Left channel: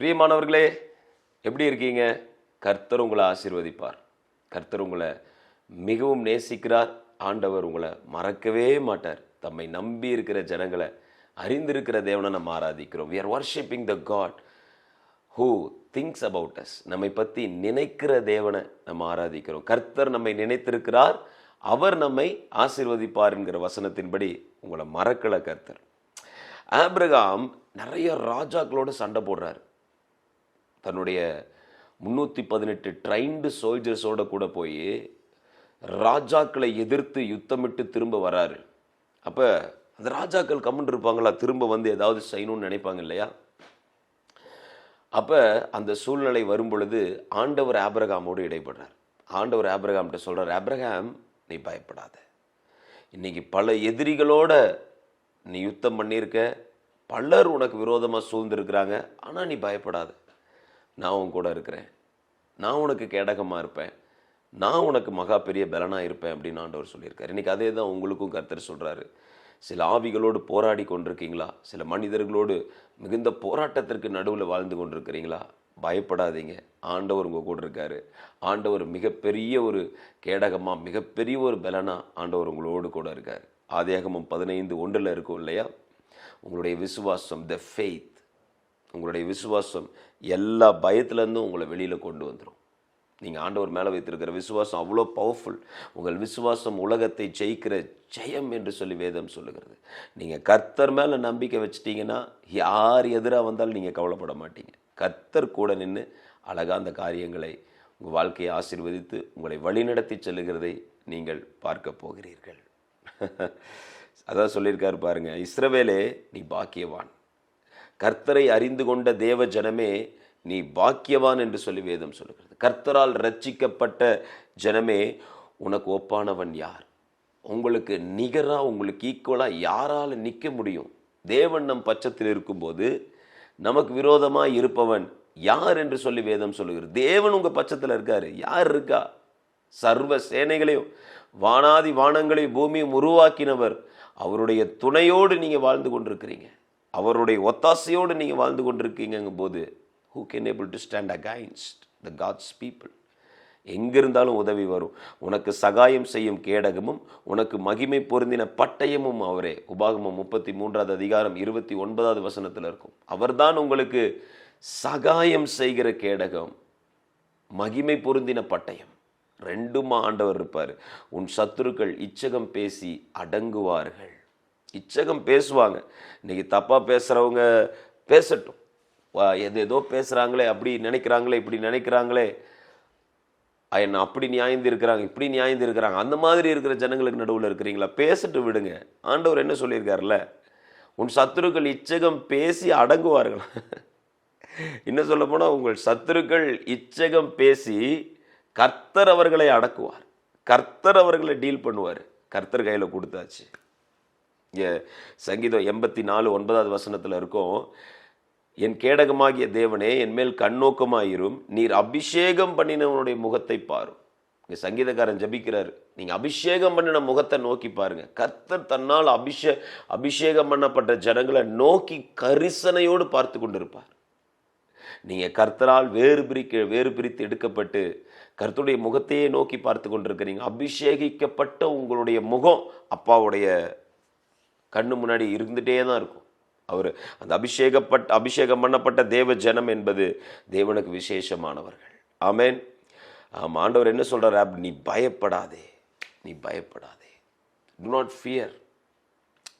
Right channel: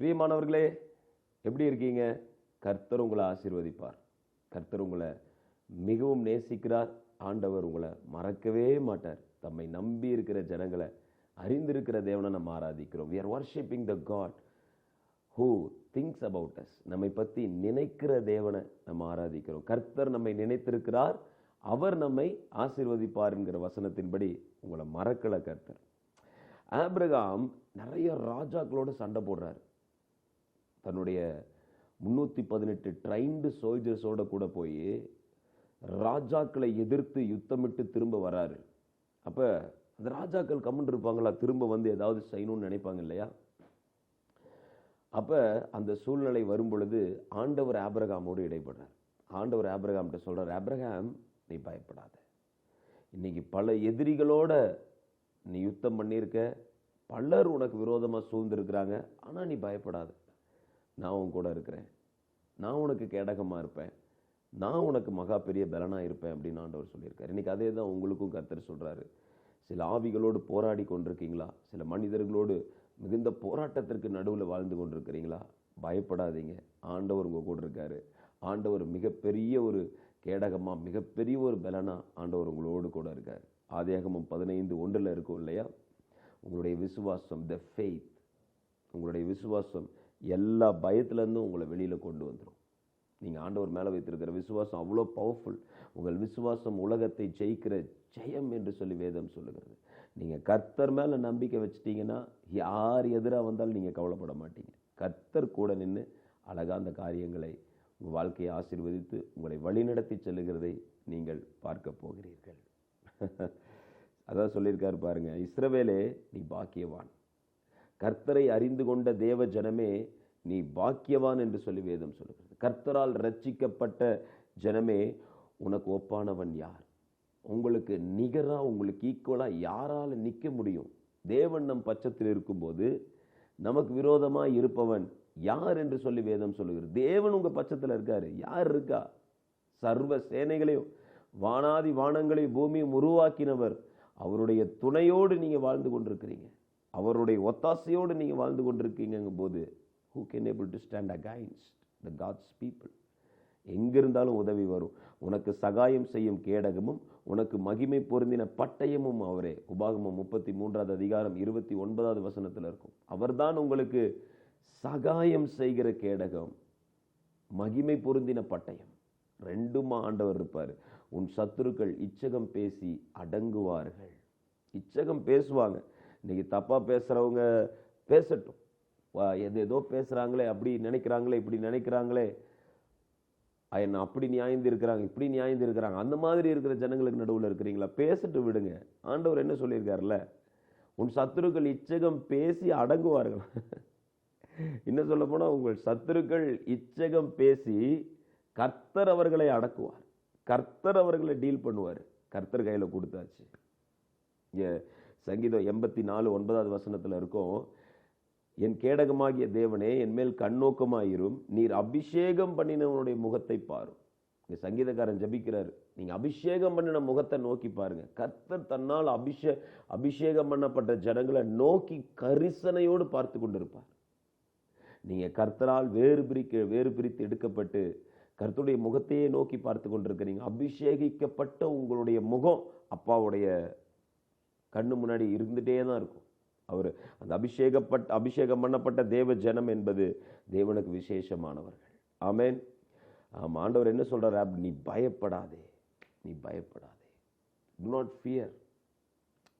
பிரியமானவர்களே, எப்படி இருக்கீங்க? கர்த்தர் உங்களை ஆசீர்வதிப்பார். கர்த்தர் உங்களை மிகவும் நேசிக்கிறார். ஆண்டவர் உங்களை மறக்கவே மாட்டார். தம்மை நம்பி இருக்கிற ஜனங்களை அறிந்திருக்கிற தேவனை நம்ம ஆராதிக்கிறோம். we are worshiping the God who thinks about us. நம்மை பற்றி நினைக்கிற தேவனை நம்ம ஆராதிக்கிறோம். கர்த்தர் நம்மை நினைத்திருக்கிறார், அவர் நம்மை ஆசீர்வதிப்பார் என்கிற வசனத்தின்படி உங்களை மறக்கலை கர்த்தர். ஆபிரகாம் நிறைய ராஜாக்களோடு சண்டை போடுறார். தன்னுடைய 318 ட்ரைன்டு சோல்ஜர்ஸோடு கூட போய் ராஜாக்களை எதிர்த்து யுத்தமிட்டு திரும்ப வராரு. அப்போ அந்த ராஜாக்கள் கம்முன்னு இருப்பாங்களா? திரும்ப வந்து ஏதாவது செய்யணும்னு நினைப்பாங்க இல்லையா? அப்போ அந்த சூழ்நிலை வரும் பொழுது ஆண்டவர் ஆபிரகாமோடு இடைப்படுறார். ஆண்டவர் ஆபிரகாம்கிட்ட சொல்கிறார், ஆபிரகாம் நீ பயப்படாத. இன்னைக்கு பல எதிரிகளோட நீ யுத்தம் பண்ணியிருக்க, பலர் உனக்கு விரோதமாக சூழ்ந்திருக்கிறாங்க. ஆனால் நீ பயப்படாத, நான் உன் கூட இருக்கிறேன், நான் உனக்கு கேடகமாக இருப்பேன், நான் உனக்கு மகா பெரிய பலனாக இருப்பேன் அப்படின்னு ஆண்டவர் சொல்லியிருக்காரு. இன்றைக்கி அதே தான் உங்களுக்கும் கர்த்தர் சொல்கிறாரு. சில ஆவிகளோடு போராடி கொண்டிருக்கீங்களா? சில மனிதர்களோடு மிகுந்த போராட்டத்திற்கு நடுவில் வாழ்ந்து கொண்டிருக்கிறீங்களா? பயப்படாதீங்க, ஆண்டவர் உங்கள் கூட இருக்கார். ஆண்டவர் மிகப்பெரிய ஒரு கேடகமாக, மிகப்பெரிய ஒரு பலனாக ஆண்டவர் உங்களோடு கூட இருக்கார். ஆதியாகமம் 15:1 இருக்கும் இல்லையா? உங்களுடைய விசுவாசம், த ஃபெய்த், உங்களுடைய விசுவாசம் எல்லா பயத்துலேருந்தும் உங்களை வெளியில் கொண்டு வந்துடும். நீங்கள் ஆண்டவர் மேலே வைத்திருக்கிற விசுவாசம் அவ்வளோ பவர்ஃபுல். உங்கள் விசுவாசம் உலகத்தை ஜெயிக்கிற ஜெயம் என்று சொல்லி வேதம் சொல்லுகிறது. நீங்கள் கர்த்தர் மேலே நம்பிக்கை வச்சிட்டிங்கன்னா யார் எதிராக வந்தாலும் நீங்கள் கவலைப்பட மாட்டீங்க. கர்த்தர் கூட நின்று அழகாக அந்த காரியங்களை உங்கள் வாழ்க்கையை ஆசீர்வதித்து உங்களை வழிநடத்தி செல்லுகிறதை நீங்கள் பார்க்க போகிறீர்கள். அதான் சொல்லியிருக்காரு பாருங்க, இஸ்ரவேலே நீ பாக்கியவான், கர்த்தரை அறிந்து கொண்ட தேவ ஜனமே நீ பாக்கியவான் என்று சொல்லி வேதம் சொல்லுகிறது. கர்த்தரால் ரட்சிக்கப்பட்ட ஜனமே உனக்கு ஒப்பானவன் யார்? உங்களுக்கு நிகராக, உங்களுக்கு ஈக்குவலாக யாரால் நிற்க முடியும்? தேவன் நம் பட்சத்தில் இருக்கும்போது நமக்கு விரோதமாக இருப்பவன் யார் என்று சொல்லி வேதம் சொல்லுகிறது. தேவன் உங்கள் பட்சத்தில் இருக்கார், யார் இருக்கா? சர்வ சேனைகளையும் வானாதி வானங்களையும் பூமியும் உருவாக்கினவர், அவருடைய துணையோடு நீங்கள் வாழ்ந்து கொண்டிருக்கிறீங்க, அவருடைய ஒத்தாசையோடு நீங்கள் வாழ்ந்து கொண்டிருக்கீங்கும் போது who can able to stand against the God's people? எங்கிருந்தாலும் உதவி வரும். உனக்கு சகாயம் செய்யும் கேடகமும் உனக்கு மகிமை பொருந்தின பட்டயமும் அவரே. உபாகமம் 33:29 இருக்கும். அவர்தான் உங்களுக்கு சகாயம் செய்கிற கேடகம், மகிமை பொருந்தின பட்டயம். ரெண்டுமா ஆண்டவர் இருப்பார். உன் சத்துருக்கள் இச்சகம் பேசி அடங்குவார்கள். இச்சகம் பேசுவாங்க. இன்னைக்கு தப்பாக பேசுகிறவங்க பேசட்டும், ஏதோ பேசுகிறாங்களே, அப்படி நினைக்கிறாங்களே, இப்படி நினைக்கிறாங்களே, என்ன அப்படி நியாயந்து இருக்கிறாங்க, இப்படி நியாயந்து இருக்கிறாங்க, அந்த மாதிரி இருக்கிற ஜனங்களுக்கு நடுவில் இருக்கிறீங்களா? பேசிட்டு விடுங்க. ஆண்டவர் என்ன சொல்லியிருக்காருல்ல, உன் சத்துருக்கள் இச்சகம் பேசி அடங்குவார்கள். இன்னும் சொல்ல போனால் உங்கள் சத்துருக்கள் இச்சகம் பேசி கர்த்தர் அவர்களை அடக்குவார், கர்த்தர் அவர்களை டீல் பண்ணுவார். கர்த்தர் கையில் கொடுத்தாச்சு. சங்கீதம் 84:9 இருக்கும், என் கேடகமாகிய தேவனே என் மேல் கண்ணோக்கமாயிரும், நீர் அபிஷேகம் பண்ணினவனுடைய முகத்தை பாரும். இங்கே சங்கீதக்காரன் ஜபிக்கிறார், நீங்கள் அபிஷேகம் பண்ணின முகத்தை நோக்கி பாருங்க. கர்த்தர் தன்னால் அபிஷேகம் பண்ணப்பட்ட ஜனங்களை நோக்கி கரிசனையோடு பார்த்து கொண்டிருப்பார். நீங்கள் கர்த்தரால் வேறு பிரித்து எடுக்கப்பட்டு கர்த்தருடைய முகத்தையே நோக்கி பார்த்து கொண்டிருக்கிறீங்க. அபிஷேகிக்கப்பட்ட உங்களுடைய முகம் அப்பாவுடைய கண்ணு முன்னாடி இருந்துகிட்டே தான் இருக்கும். அவர் அந்த அபிஷேகம் பண்ணப்பட்ட தேவ ஜனம் என்பது தேவனுக்கு விசேஷமானவர்கள். ஆமென். ஆண்டவர் என்ன சொல்கிறார்? நீ பயப்படாதே, நீ பயப்படாதே, டு நாட் ஃபியர்.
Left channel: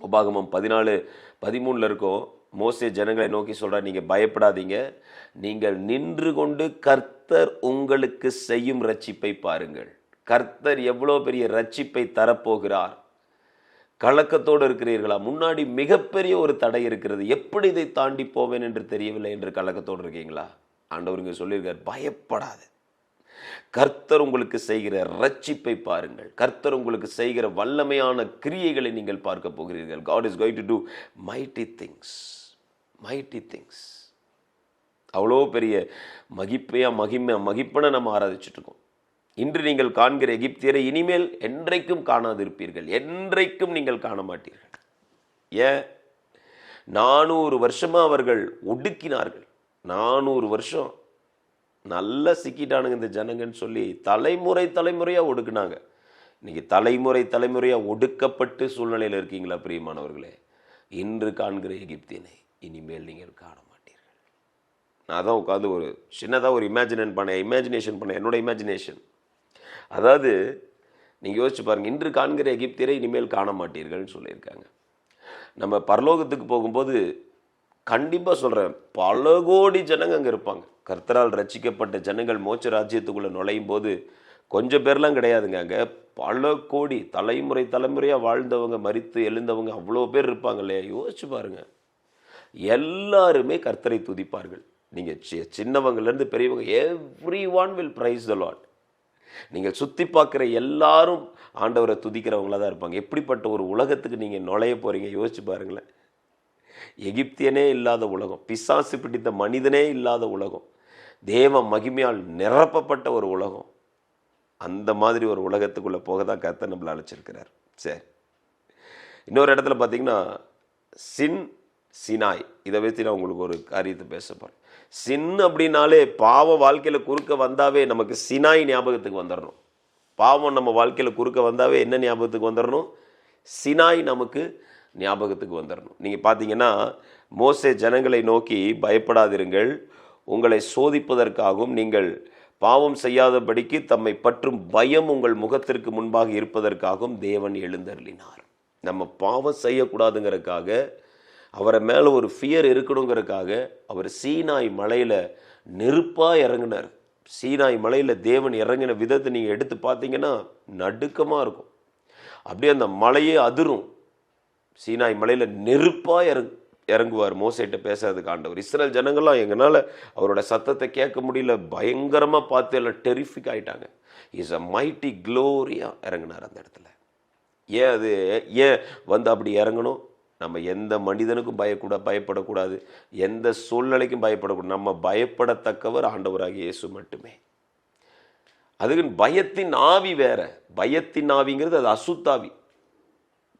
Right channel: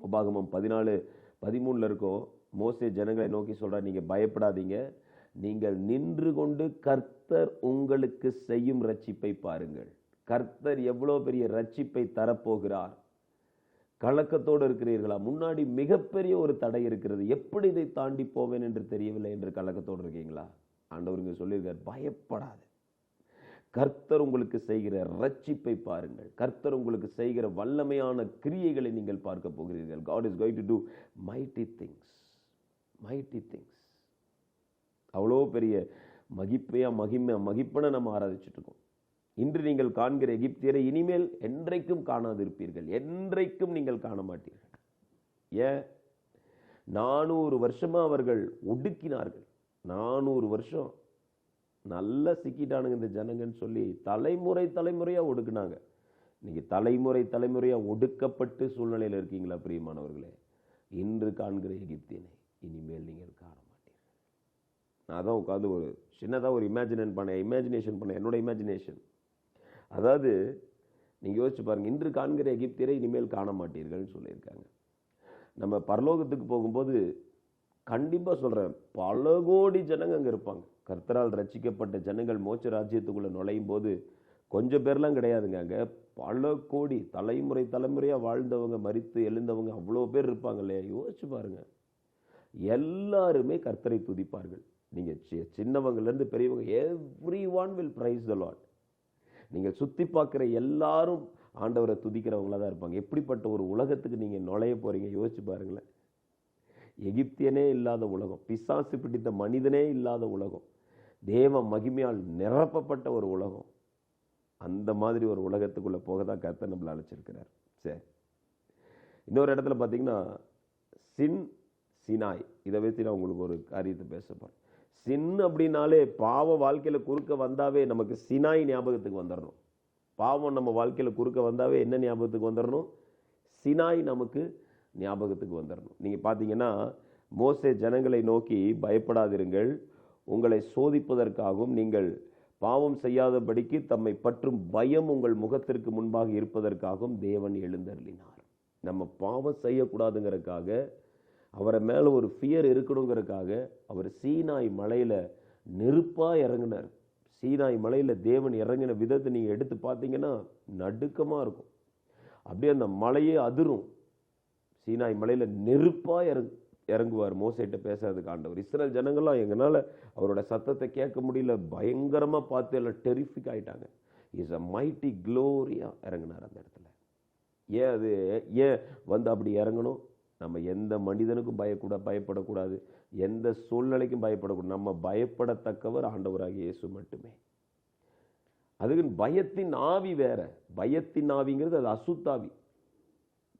உபாகமம் 14:13 இருக்கும். மோசே ஜனங்களை நோக்கி சொல்கிறார், நீங்கள் பயப்படாதீங்க, நீங்கள் நின்று கொண்டு கர்த்தர் உங்களுக்கு செய்யும் ரட்சிப்பை பாருங்கள். கர்த்தர் எவ்வளோ பெரிய ரட்சிப்பை தரப்போகிறார். கலக்கத்தோடு இருக்கிறீர்களா? முன்னாடி மிகப்பெரிய ஒரு தடை இருக்கிறது, எப்படி இதை தாண்டி போவேன் என்று தெரியவில்லை என்று கலக்கத்தோடு இருக்கீங்களா? ஆண்டவர் இங்கே சொல்லியிருக்கார், பயப்படாது, கர்த்தர் உங்களுக்கு செய்கிற ரட்சிப்பை பாருங்கள், கர்த்தர் உங்களுக்கு செய்கிற வல்லமையான கிரியைகளை நீங்கள் பார்க்க போகிறீர்கள். God is going to do mighty things, mighty things. அவ்வளோ பெரிய மகிப்பனை நம்ம ஆராதிச்சுட்டு இருக்கோம். இன்று நீங்கள் காண்கிற எகிப்தியரை இனிமேல் என்றைக்கும் காணாதிருப்பீர்கள், என்றைக்கும் நீங்கள் காண மாட்டீர்கள். ஏன்? 400 வருஷமாக அவர்கள் ஒடுக்கினார்கள். 400 வருஷம் நல்லா சிக்கிட்டானுங்க இந்த ஜனங்கன்னு சொல்லி தலைமுறையாக ஒடுக்குனாங்க. இன்னைக்கு தலைமுறையாக ஒடுக்கப்பட்டு சூழ்நிலையில் இருக்கீங்களா பிரியமானவர்களே? இன்று காண்கிற எகிப்தியனை இனிமேல் நீங்கள் காண மாட்டீர்கள். நான் தான் உட்காந்து ஒரு சின்னதாக ஒரு இமேஜினேஷன் பண்ணேன், என்னோட இமேஜினேஷன். அதாவது நீங்கள் யோசிச்சு பாருங்கள், இன்று காண்கிற எகிப்தியரை இனிமேல் காண மாட்டீர்கள்னு சொல்லியிருக்காங்க. நம்ம பரலோகத்துக்கு போகும்போது கண்டிப்பாக சொல்கிறேன், பல கோடி ஜனங்க அங்கே இருப்பாங்க. கர்த்தரால் ரட்சிக்கப்பட்ட ஜனங்கள் மோட்ச ராஜ்யத்துக்குள்ளே நுழையும் போது கொஞ்சம் பேர்லாம் கிடையாதுங்க. அங்கே பல கோடி தலைமுறையாக வாழ்ந்தவங்க, மரித்து எழுந்தவங்க அவ்வளோ பேர் இருப்பாங்க இல்லையா? யோசிச்சு பாருங்கள். எல்லாருமே கர்த்தரை துதிப்பார்கள். நீங்கள் சின்னவங்கலேருந்து பெரியவங்க, every one will praise the Lord. நீங்கள் சுற்றி பார்க்குற எல்லாரும் ஆண்டவரை துதிக்கிறவங்களா தான் இருப்பாங்க. எப்படிப்பட்ட ஒரு உலகத்துக்கு நீங்கள் நுழைய போகிறீங்க யோசிச்சு பாருங்களேன். எகிப்தியனே இல்லாத உலகம், பிசாசு பிடித்த மனிதனே இல்லாத உலகம், தேவ மகிமையால் நிரப்பப்பட்ட ஒரு உலகம். அந்த மாதிரி ஒரு உலகத்துக்குள்ளே போக தான் கர்த்தர் நம்மளை அழைச்சிருக்கிறார். சரி, இன்னொரு இடத்துல பார்த்தீங்கன்னா சினாய், இதை வச்சு நான் உங்களுக்கு ஒரு காரியத்தை பேச போகிறேன். அப்படின்னாலே பாவ வாழ்க்கையில் குறுக்க வந்தாவே நமக்கு சினாய் ஞாபகத்துக்கு வந்துடணும். பாவம் நம்ம வாழ்க்கையில் குறுக்க வந்தாவே என்ன ஞாபகத்துக்கு வந்துடணும்? சினாய் நமக்கு ஞாபகத்துக்கு வந்துடணும். நீங்கள் பார்த்தீங்கன்னா மோசே ஜனங்களை நோக்கி, பயப்படாதிருங்கள், உங்களை சோதிப்பதற்காகவும் நீங்கள் பாவம் செய்யாதபடிக்கு தம்மை பற்றும் பயம் உங்கள் முகத்திற்கு முன்பாக இருப்பதற்காகவும் தேவன் எழுந்தருளினார். நம்ம பாவம் செய்யக்கூடாதுங்கிறதுக்காக, அவரை மேலே ஒரு ஃபியர் இருக்கணுங்கிறதுக்காக அவர் சீனாய் மலையில் நெருப்பாக இறங்கினார். சீனாய் மலையில் தேவன் இறங்கின விதத்தை நீங்கள் எடுத்து பார்த்தீங்கன்னா நடுக்கமாக இருக்கும். அப்படியே அந்த மலையே அதிரும். சீனாய் மலையில் நெருப்பாக இறங்குவார் மோசேட்ட பேசுறதுக்கு ஆண்டவர். இஸ்ரேல் ஜனங்கள்லாம் எங்களால் அவரோட சத்தத்தை கேட்க முடியல, பயங்கரமாக பார்த்து எல்லாம் டெரிஃபிக் ஆகிட்டாங்க. இஸ் அ மைட்டி க்ளோரியாக இறங்கினார் அந்த இடத்துல. ஏன் வந்து அப்படி இறங்கணும்? நம்ம எந்த மனிதனுக்கும் பயப்படக்கூடாது, எந்த சூழ்நிலைக்கும் பயப்படக்கூடாது. நம்ம பயப்படத்தக்கவர் ஆண்டவராகிய இயேசு மட்டுமே. அதுக்கு பயத்தின் ஆவி வேற. பயத்தின் ஆவிங்கிறது அது அசுத்தாவி.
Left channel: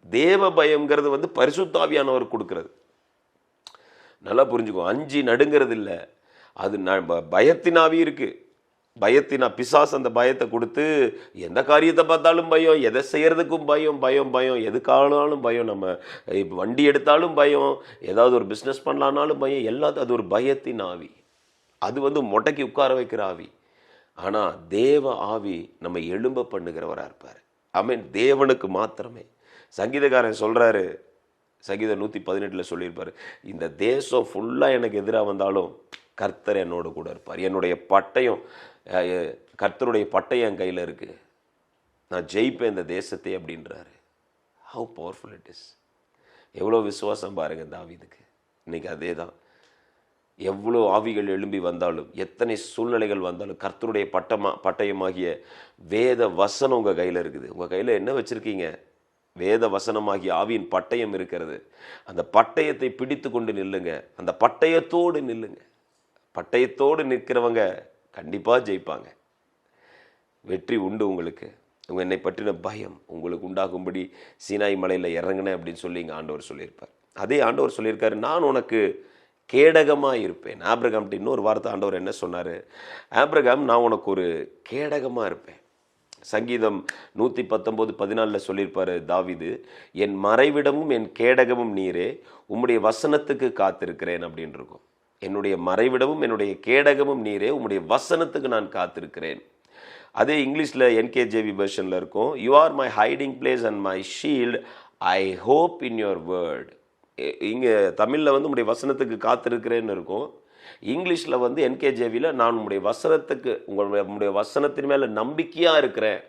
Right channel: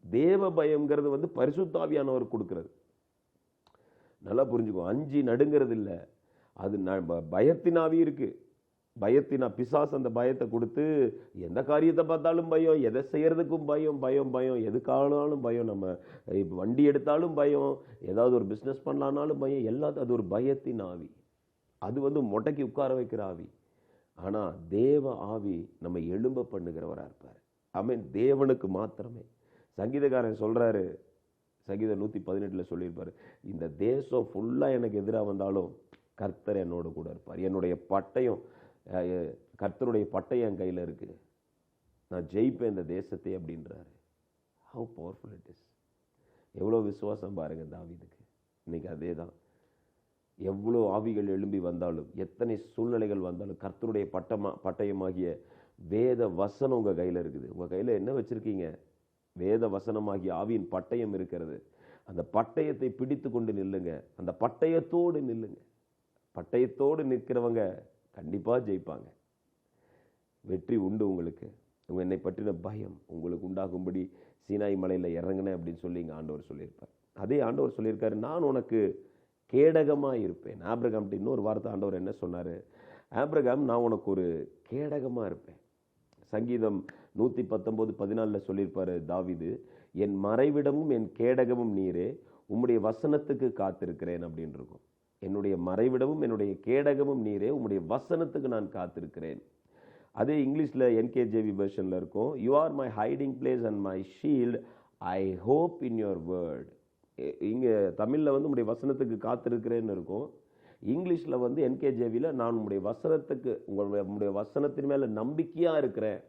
தேவ பயம்ங்கிறது வந்து பரிசுத்தாவியானவர் கொடுக்கிறது. நல்லா புரிஞ்சுக்கோ. அஞ்சு நடுங்கிறது இல்லை, அது பயத்தின் ஆவி இருக்கு. பிசாசு அந்த பயத்தை கொடுத்து எந்த காரியத்தை பார்த்தாலும் பயம், எதை செய்யறதுக்கும் பயம், எதுக்கானாலும் பயம். நம்ம வண்டி எடுத்தாலும் பயம், ஏதாவது ஒரு பிஸ்னஸ் பண்ணலான்னாலும் பயம், எல்லாத்தையும். அது ஒரு பயத்தின் ஆவி. அது வந்து மொட்டைக்கு உட்கார வைக்கிற ஆவி. ஆனால் தேவ ஆவி நம்ம எழும்ப பண்ணுகிறவராக இருப்பார். தேவனுக்கு மாத்திரமே. சங்கீதக்காரன் சொல்கிறாரு, சங்கீதம் 118 சொல்லியிருப்பார், இந்த தேசம் ஃபுல்லாக எனக்கு எதிராக வந்தாலும் கர்த்தர் என்னோட கூட இருப்பார். என்னுடைய பட்டயம், கர்த்தருடைய பட்டயம் என் கையில் இருக்குது, நான் ஜெயிப்பேன் இந்த தேசத்தை அப்படின்றாரு. How powerful it is. எவ்வளோ விசுவாசம் பாருங்கள் தாவீதுக்கு. இன்றைக்கி அதே தான். எவ்வளோ ஆவிகள் எழும்பி வந்தாலும், எத்தனை சூழ்நிலைகள் வந்தாலும், கர்த்தருடைய பட்டயமாகிய வேத வசனம் உங்கள் கையில் இருக்குது. உங்கள் கையில் என்ன வச்சுருக்கீங்க? வேத வசனமாகிய ஆவியின் பட்டயம் இருக்கிறது. அந்த பட்டயத்தை பிடித்து கொண்டு நில்லுங்க. அந்த பட்டயத்தோடு நில்லுங்க. பட்டயத்தோடு நிற்கிறவங்க கண்டிப்பாக ஜெயிப்பாங்க. வெற்றி உண்டு உங்களுக்கு. என்னை பற்றின பயம் உங்களுக்கு உண்டாகும்படி சீனாய் மலையில் இறங்கினேன் அப்படின்னு சொல்லி இங்கே ஆண்டவர் சொல்லியிருப்பார். அதே ஆண்டவர் சொல்லியிருக்காரு, நான் உனக்கு கேடகமாக இருப்பேன். ஆபிரகாம்கிட்ட இன்னொரு வார்த்தை ஆண்டவர் என்ன சொன்னார்? ஆபிரகாம், நான் உனக்கு ஒரு கேடகமாக இருப்பேன். சங்கீதம் 119:14 சொல்லியிருப்பார் தாவீது, என் மறைவிடமும் என் கேடகமும் நீரே, உம்முடைய வசனத்துக்கு காத்திருக்கிறேன் அப்படின்னு இருக்கும். என்னுடைய மறைவிடமும் என்னுடைய கேடகமும் நீரே, உம்முடைய வசனத்துக்கு நான் காத்திருக்கிறேன். அதே இங்கிலீஷில் NKJV வெர்ஷனில் இருக்கும், you are my hiding place and my shield, I hope in your word. இங்கே தமிழில் வந்து உம்முடைய வசனத்துக்கு காத்திருக்கிறேன்னு இருக்கும். இங்கிலீஷில் வந்து NKJVயில் நான் உங்களுடைய வசனத்துக்கு, உங்களுடைய வசனத்தின் மேலே நம்பிக்கையாக இருக்கிறேன்,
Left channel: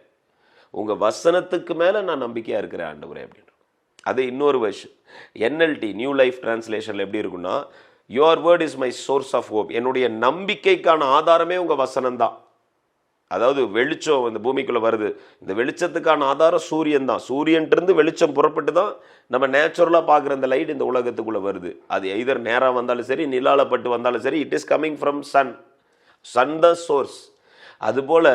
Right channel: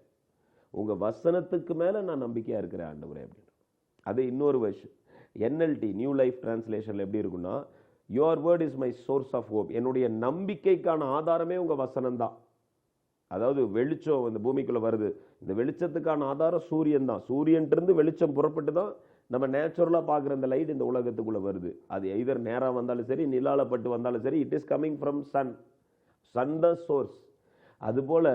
உங்கள் வசனத்துக்கு மேலே நான் நம்பிக்கையாக இருக்கிறேன் ஆண்டவரே அப்படின்னு. அது இன்னொரு வெர்ஷன் NLT நியூ லைஃப் டிரான்ஸ்லேஷனில் எப்படி இருக்குன்னா, your word is my source of hope. என்னுடைய நம்பிக்கைக்கான ஆதாரமே உங்கள் வசனம் தான். அதாவது வெளிச்சம் இந்த பூமிக்குள்ளே வருது, இந்த வெளிச்சத்துக்கான ஆதாரம் சூரியன் தான். சூரியன்ட்டு வெளிச்சம் புறப்பட்டு தான் நம்ம நேச்சுரலாக பார்க்குற இந்த லைட் இந்த உலகத்துக்குள்ளே வருது. அது எதர் நேராக வந்தாலும் சரி, நிலாலப்பட்டு வந்தாலும் சரி, it is coming from sun தான் சோர்ஸ். அதுபோல்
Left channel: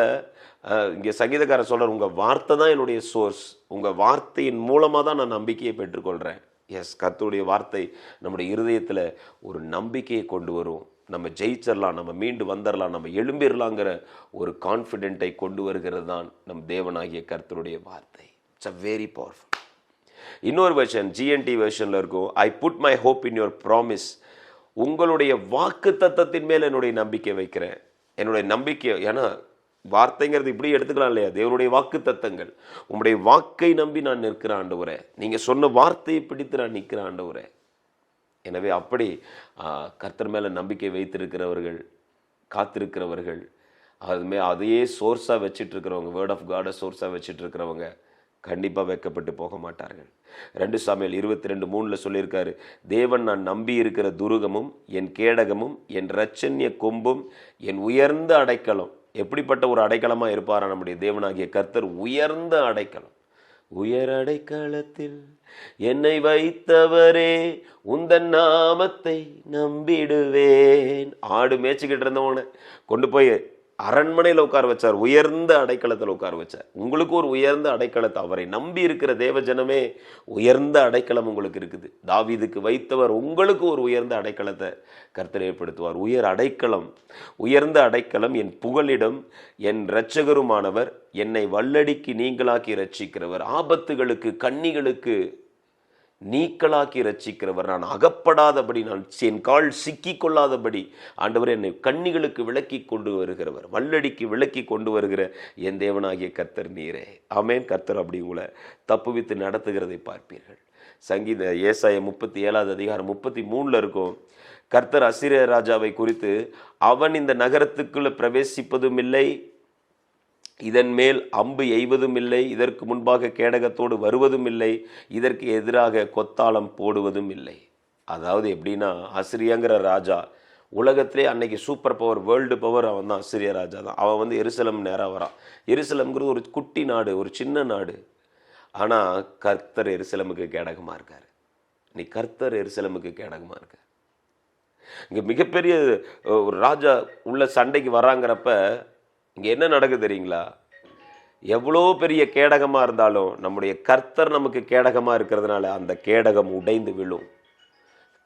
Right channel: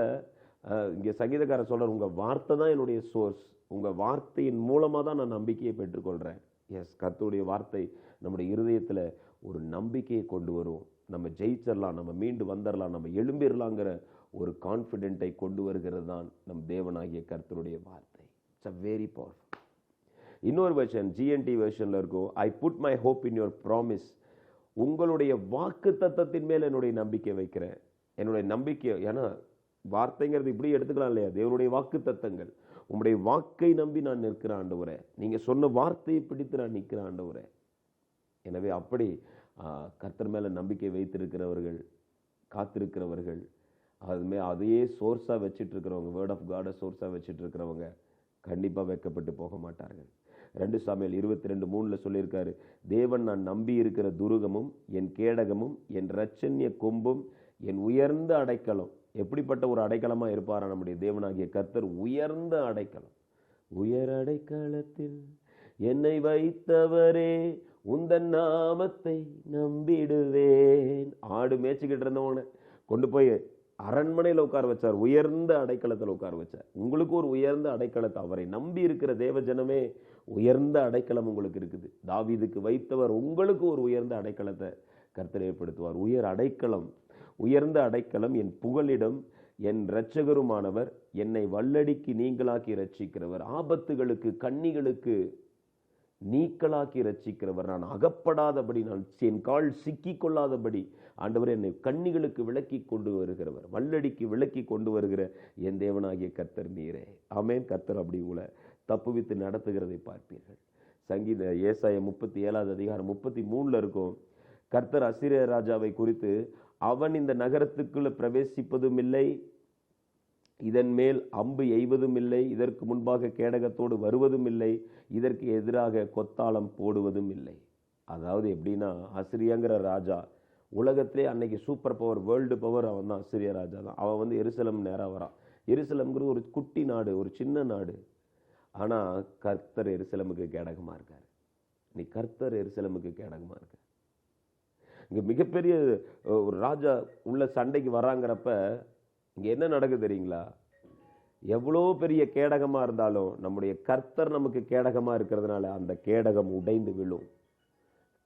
இங்கே சங்கீதக்காரர் சொல்கிறார், உங்கள் வார்த்தை தான் என்னுடைய சோர்ஸ், உங்கள் வார்த்தையின் மூலமாக தான் நான் நம்பிக்கையை பெற்றுக்கொள்கிறேன். எஸ், கர்த்தருடைய வார்த்தை நம்முடைய இருதயத்தில் ஒரு நம்பிக்கையை கொண்டு வரும். நம்ம ஜெயிச்சிடலாம், நம்ம மீண்டு வந்துடலாம், நம்ம எழும்பிடலாங்கிற ஒரு கான்ஃபிடென்ட்டை கொண்டு வருகிறது தான் நம் தேவனாகிய கர்த்தருடைய வார்த்தை. It's a very powerful. இன்னொரு வெர்ஷன் ஜிஎன்டி வெர்ஷனில் இருக்கும், I put my hope in your promise. உங்களுடைய வாக்கு தத்தத்தின் மேல் என்னுடைய நம்பிக்கை வைக்கிறேன். என்னுடைய நம்பிக்கை, ஏன்னா வார்த்தைங்கிறது இப்படி எடுத்துக்கலாம் இல்லையா, தேவனுடைய வாக்கு தத்தங்கள். உங்களுடைய வாக்கை நம்பி நான் நிற்கிறேன் ஆண்டவரே, நீங்கள் சொன்ன வார்த்தையை பிடித்து நான் நிற்கிறேன் ஆண்டவரே. எனவே அப்படி கர்த்தர் மேலே நம்பிக்கை வைத்திருக்கிறவர்கள், காத்திருக்கிறவர்கள், அதையே சோர்ஸாக வச்சுட்டு இருக்கிறவங்க, வேர்ட் ஆஃப் காடை சோர்ஸாக வச்சுட்டு இருக்கிறவங்க கண்டிப்பாக வெட்கப்பட்டு போக மாட்டார்கள். 2 சாமுவேல் 22:3 சொல்லியிருக்காரு, தேவன் நான் நம்பி இருக்கிற துருகமும் என் கேடகமும் என் இரட்சண்ய கொம்பும் என் உயர்ந்த அடைக்கலம். எப்படிப்பட்ட ஒரு அடைக்கலமாக இருப்பாரா நம்முடைய தேவனாகிய கர்த்தர்? உயர்ந்த அடைக்கலம். உயர் அடைக்கலத்தில் என்னை வைத்தவரே உந்தன் நாமத்தை நம்பிடுவேன். ஆடு மேய்ச்சிக்கிட்டு இருந்தவனை கொண்டு போய் அரண்மனையில் உட்கார வச்சார், உயர்ந்த அடைக்கலத்தில் உட்கார வச்சார். உங்களுக்கு ஒரு உயர்ந்த அடைக்கலத்தை, அவரை நம்பி இருக்கிற தேவஜனமே உயர்ந்த அடைக்கலம் உங்களுக்கு இருக்குது. தாவீதுக்கு வைத்தவர் உங்களுக்கு ஒரு உயர்ந்த அடைக்கலத்தை கர்த்தர் ஏற்படுத்துவார். உயர் அடைக்கலம், உயர்ந்த அடைக்கலம் என் புகலிடம், என் இரட்சகருமானவர், என்னை வல்லடிக்கு நீங்களாக்கி இரட்சிக்கிறவர், ஆபத்துகளுக்கு கண்ணிகளுக்கு நீக்களாக்கி ரட்சிக்கிறவர், நான் அகப்படாதபடி, நான் என் கால் சிக்கி கொள்ளாதபடி ஆண்டவர் என்னை கண்ணிகளுக்கு விலக்கி கொண்டு வருகிறவர், வல்லடிக்கு விலக்கி கொண்டு வருகிற என் தேவனாகிய கர்த்தர் நீரே. ஆமேன். கர்த்தர் அப்படி உங்களை தப்புவித்து நடத்துகிறதை பார்ப்பீர்கள். சங்கீத ஏசாயா 37:33 இருக்கும், கர்த்தர் அசீரிய ராஜாவை குறித்து, அவன் இந்த நகரத்துக்குள்ள பிரவேசிப்பதும் இல்லை, இதன் மேல் அம்பு எய்வதும் இல்லை, இதற்கு முன்பாக கேடகத்தோடு வருவதும் இல்லை, இதற்கு எதிராக கொத்தாளம் போடுவதும் இல்லை. அதாவது எப்படின்னா, அசிரியாங்கிற ராஜா உலகத்திலே அன்னைக்கு சூப்பர் பவர், வேர்ல்டு பவர் அவன் தான், அசிரிய ராஜா தான். அவன் எருசலம் நேராக வரான். எருசலம்ங்கிறது ஒரு குட்டி நாடு, ஒரு சின்ன நாடு. ஆனால் கர்த்தர் எருசலமுக்கு கேடகமாக இருக்கார். நீ கர்த்தர் எருசலமுக்கு கேடகமாக இருக்க. இங்கே மிகப்பெரிய ஒரு ராஜா உள்ள சண்டைக்கு வராங்கிறப்ப இங்கே என்ன நடக்குது தெரியுங்களா? எவ்வளோ பெரிய கேடகமாக இருந்தாலும் நம்முடைய கர்த்தர் நமக்கு கேடகமாக இருக்கிறதுனால அந்த கேடகம் உடைந்து விழும்.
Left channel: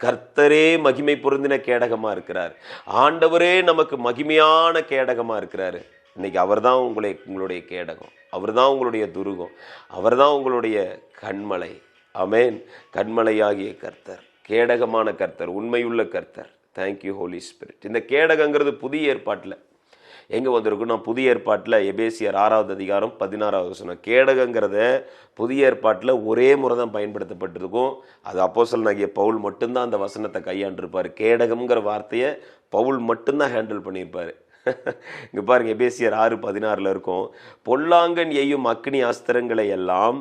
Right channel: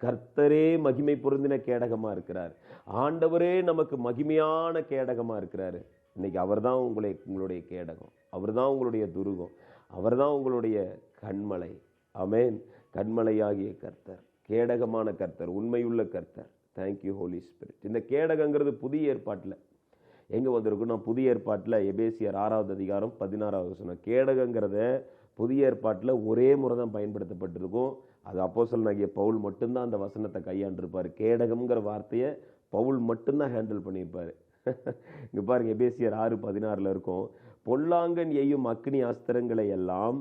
கர்த்தரே மகிமை பொருந்தின கேடகமாக இருக்கிறார். ஆண்டவரே நமக்கு மகிமையான கேடகமாக இருக்கிறாரு. இன்னைக்கு அவர் தான் உங்களுடைய கேடகம், அவர் தான் உங்களுடைய துருகம், அவர் தான் உங்களுடைய கண்மலை. ஆமேன். கண்மலையாகிய கர்த்தர், கேடகமான கர்த்தர், உண்மையுள்ள கர்த்தர். Thank you Holy Spirit. இந்த கேடகங்கிறது புதிய ஏற்பாட்டில் எங்கே வந்திருக்குன்னா, புதிய ஏற்பாட்டில் எபேசியர் 6:16 கேடகங்கிறத புதிய ஏற்பாட்டில் ஒரே முறை தான் பயன்படுத்தப்பட்டிருக்கும். அது அப்போஸ்தலனாகிய பவுல் மட்டும்தான் அந்த வசனத்தை கையாண்டிருப்பார். கேடகம்ங்கிற வார்த்தையை பவுல் மட்டும்தான் ஹேண்டில் பண்ணியிருப்பார். இங்கே பாருங்கள், எபேசியர் 6:16 இருக்கும், பொல்லாங்கன் எய்யும் அக்னி அஸ்திரங்களை எல்லாம்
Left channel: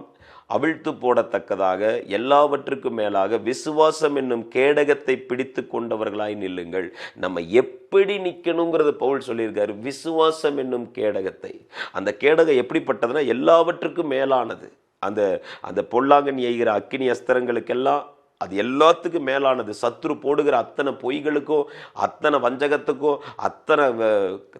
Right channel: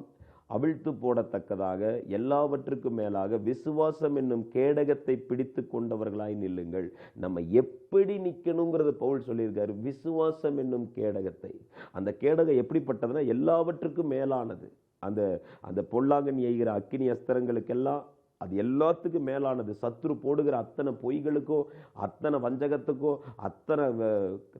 அவிழ்த்து போடத்தக்கதாக எல்லாவற்றுக்கும் மேலாக விசுவாசம் என்னும் கேடகத்தை பிடித்து கொண்டவர்களாய் நில்லுங்கள். நம்ம எப்படி நிற்கணுங்கிறது பவுல் சொல்லியிருக்காரு. விசுவாசம் என்னும் கேடகத்தை, அந்த கேடகம் எப்படிப்பட்டதுன்னா எல்லாவற்றுக்கும் மேலானது. அந்த அந்த பொல்லாங்கன் எய்கிற அக்கினி அஸ்திரங்களுக்கெல்லாம் அது எல்லாத்துக்கும் மேலானது. சத்துரு போடுகிற அத்தனை பொய்களுக்கும், அத்தனை வஞ்சகத்துக்கும், அத்தனை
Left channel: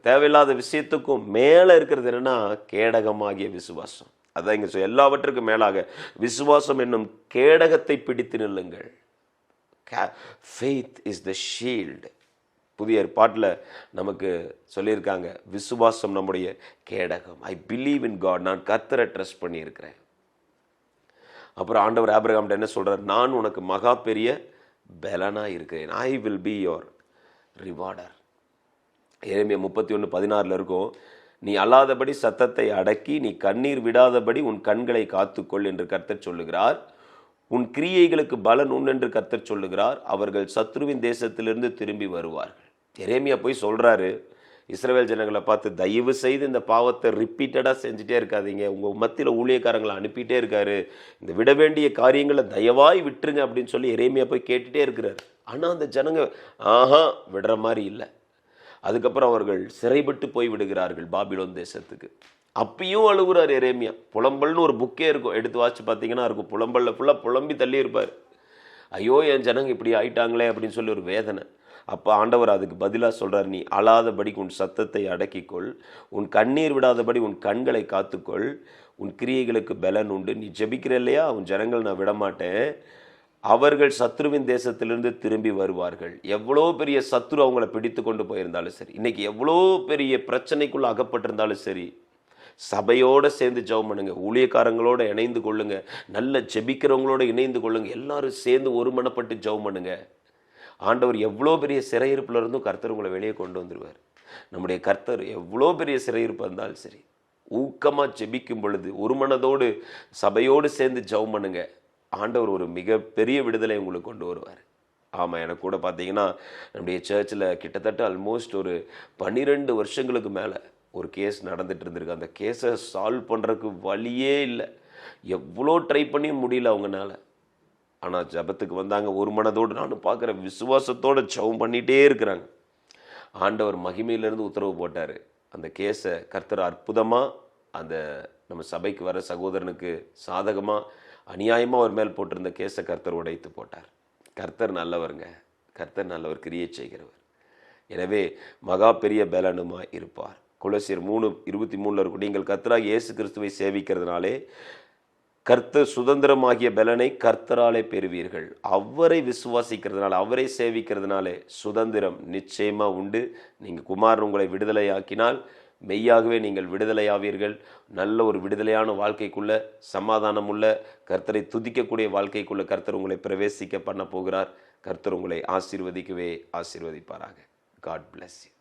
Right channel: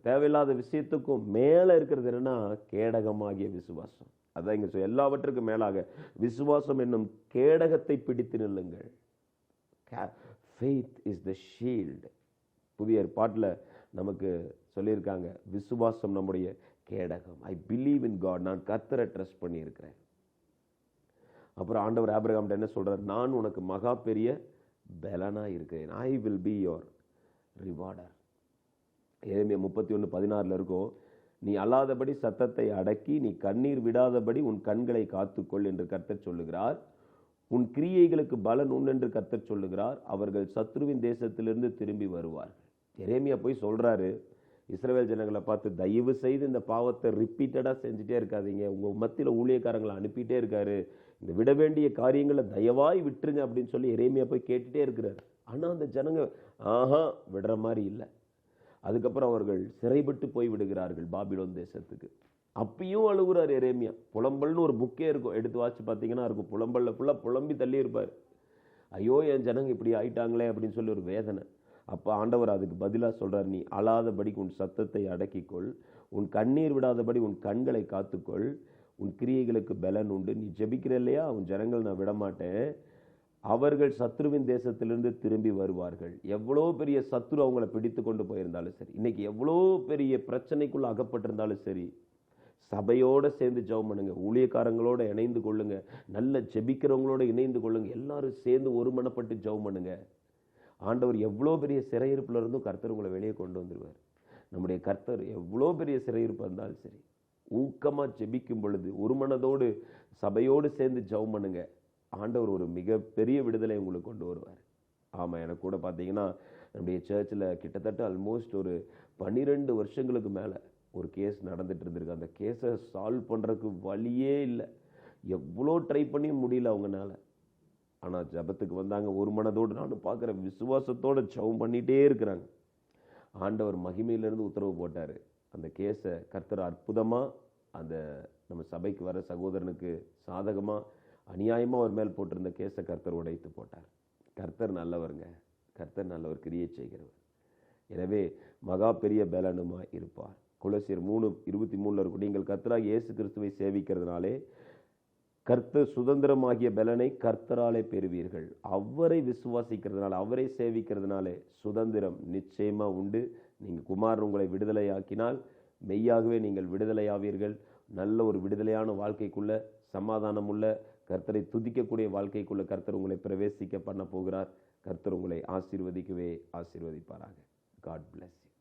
தேவையில்லாத விஷயத்துக்கும் மேலே இருக்கிறது என்னன்னா கேடகமாகிய விசுவாசம். அதான் இங்கே எல்லாவற்றுக்கும் மேலாக விசுவாசம் என்னும் கேடகத்தை பிடித்து நில்லுங்கள். Faith is the shield. புதிய ஏற்பாட்டில் நமக்கு சொல்லியிருக்காங்க, விசுவாசம் நம்முடைய கேடகம். ஐ பிலீவ் இன் காட், நான் கர்த்தரை ட்ரஸ்ட் பண்ணியிருக்கிறேன். அப்புறம் ஆண்டவர் ஆபிரகாம்கிட்ட என்ன சொல்கிறார்? நான் உனக்கு மகா பெரிய பலனாக இருக்கிறேன். I will be your rewarder. எரேமியா 31:16 இருக்கும், நீ அல்லாதபடி சத்தத்தை அடக்கி நீ கண்ணீர் விடாதபடி உன் கண்களை காத்துக்கொள் என்று கர்த்தர் சொல்லுகிறார். உன் கிரியைகளுக்கு பலன் உண்டு என்று கர்த்தர் சொல்லுகிறார். அவர்கள் சத்ருவின் தேசத்திலிருந்து திரும்பி வருவார்கள். எரேமியா போய் சொல்கிறாரு இஸ்ரவேல் ஜனங்களை பார்த்து, தயவு செய்து இந்த பாவத்தை ரிப்பீட்டடாக செஞ்சுட்டே இருக்காதீங்க. உங்கள் மத்தியில் ஊழியக்காரங்களை அனுப்பிட்டே இருக்காரு, இந்த விட வேண்டிய காரியங்களை தயவாய் விட்டுருங்க அப்படின்னு சொல்லி எரேமியா போய் கேட்டுகிட்டே இருக்கிறார். ஆனால் அந்த ஜனங்க விடுற மாதிரி இல்லை. அதுக்கப்புறம் அவர்கள் சிறைப்பட்டு போய் விடுகிறார்கள் பாபிலோன் தேசத்துக்கு. அப்பயும் அழுகுறார் எரேமியா. புலம்பல்னு ஒரு புக்கே இருக்கும், எடுத்து வாசிச்சு பார்த்தீங்கன்னா இருக்கும். புலம்பலில் ஃபுல்லாக புலம்பி தள்ளி இருப்பார். ஐயோ என் ஜனங்க இப்படி ஆயிட்டாங்களே அப்படின்னு சொல்லி ஒரு வேதனை. அப்போ ஆண்டவர் அதுக்கு பதிலாக சொல்கிறார், நீ அழாதபடிக்கு உன் சத்தத்தை அடக்கிக்கொள், உன் கண்ணீர் விடாதபடி உன் கண்களை காத்துக்கொள், உன் கிரியைகளுக்கு பலன் உண்டு. நீ ஜெபிக்கிற இல்லையா, உன் ஜனங்கள் நான் விடமாட்டேன். அவர்கள் சத்ருவின் தேசத்திலிருந்து திரும்பி வருவார்கள். எவ்வளோ பெரிய சத்ரு அவங்கள பிடித்து கொண்டு போயிருந்தாலும் சரி, இன்னைக்கு எவ்வளோ பெரிய பிரச்சனைக்குள்ள அகப்பட்டிருந்தாலும் சரி, சபையோடு சேர்ந்து ஜெபம் பண்ணுங்க, ஊழியக்காரங்களோட இணைந்து கொள்ளுங்க, நல்ல ஜெபிக்கிறவங்களோட இணைந்து கொள்ளுங்க, எல்லாரும் சேர்ந்து ஒருமனப்பட்டு ஜெபம் பண்ணுங்க. ஆண்டவர் எவ்வளோ பெரிய சிறையிருப்புல இருந்தும் கர்த்தர் உங்களை வெளியே கொண்டு வந்துடுவார். நம்முடைய கர்த்தர் எவ்வளோ பெரிய சிறையிருப்பு இருந்தாலும் சரி, ஊக்கமாக ஜெபிக்கும் பொழுது ஒரு மனதோடு சபையோடு சேர்ந்து ஜெபம் பண்ணுங்க, ஆண்டவர் ஒரு மிகப்பெரிய விடுதலை உங்களுக்கு கொண்டு வருவார். ஆமாம், எனக்கு கூட பார்த்தீங்கன்னா நம்முடைய சர்ச்சில் கிட்டத்தட்ட ஆல்மோஸ்ட் ஒரு 12 வருஷங்களுக்கு மேலே ஒரு கேஸ் நடந்துட்டு இருந்திருக்கு. அந்த கேஸை சால்வ் பண்ணுறதுக்கு வழியே இல்லை. எவ்வளோ ட்ரை பண்ணியும் முடியல அவங்கனால. ஆனால் ஜெபத்துக்கு வந்தாங்க ஒரு மனதோடு, நானும் பார்க்குற விசுவாசத்தோடு ஜெபம் பண்ணிகிட்டே இருக்கிறாங்க. ஆண்டவர் மகிமையிலிருந்து உத்தரவு போட்டார். அந்த கேஸை கர்த்தர் அற்புதமாக அந்த நம்ம சபைக்கு வர சகோதரனுக்கு சாதகமாக அநியாயமாக அவர் மேல் போட்டிருந்த கேஸை கர்த்தர் உடைத்து போட்டார். கர்த்தர் நல்லவருங்க, கர்த்தர் நல்லவர், கிரியை செய்கிறவர். எனவே மகா பெரிய பலனுமாய் இருப்பார். கொலோசியர் 3:23 இருக்கும், நீங்கள் கர்த்தராகிய இயேசு கிறிஸ்துவை சேவிக்கிறதுனாலே கர்த்தர் சுதந்திரமாகிய பலனை கர்த்தராலே பெறுவீர்கள். அவரை விசுவாசிக்கிறதுனால, அவரை சேவிக்கிறதுனாலே சுதந்திரம் நிச்சயமாக உண்டு. நீங்கள் குமாரன் உங்களை விடுதலையாக்கினால் மெய்யாகவே நீங்கள் விடுதலையாவீர்கள். நல்ல ஒரு விடுதலையான வாழ்க்கைக்குள்ள, சமாதானமுள்ள, கர்த்தரை துதிக்கக்கூடிய வாழ்க்கைக்குள்ள கர்த்தர் உங்களை பிரவேசிக்க பண்ண போகிறார். கர்த்தர் உங்களை ஆசீர்வதிக்கவே ஆசீர்வதிப்பாராக. God bless you.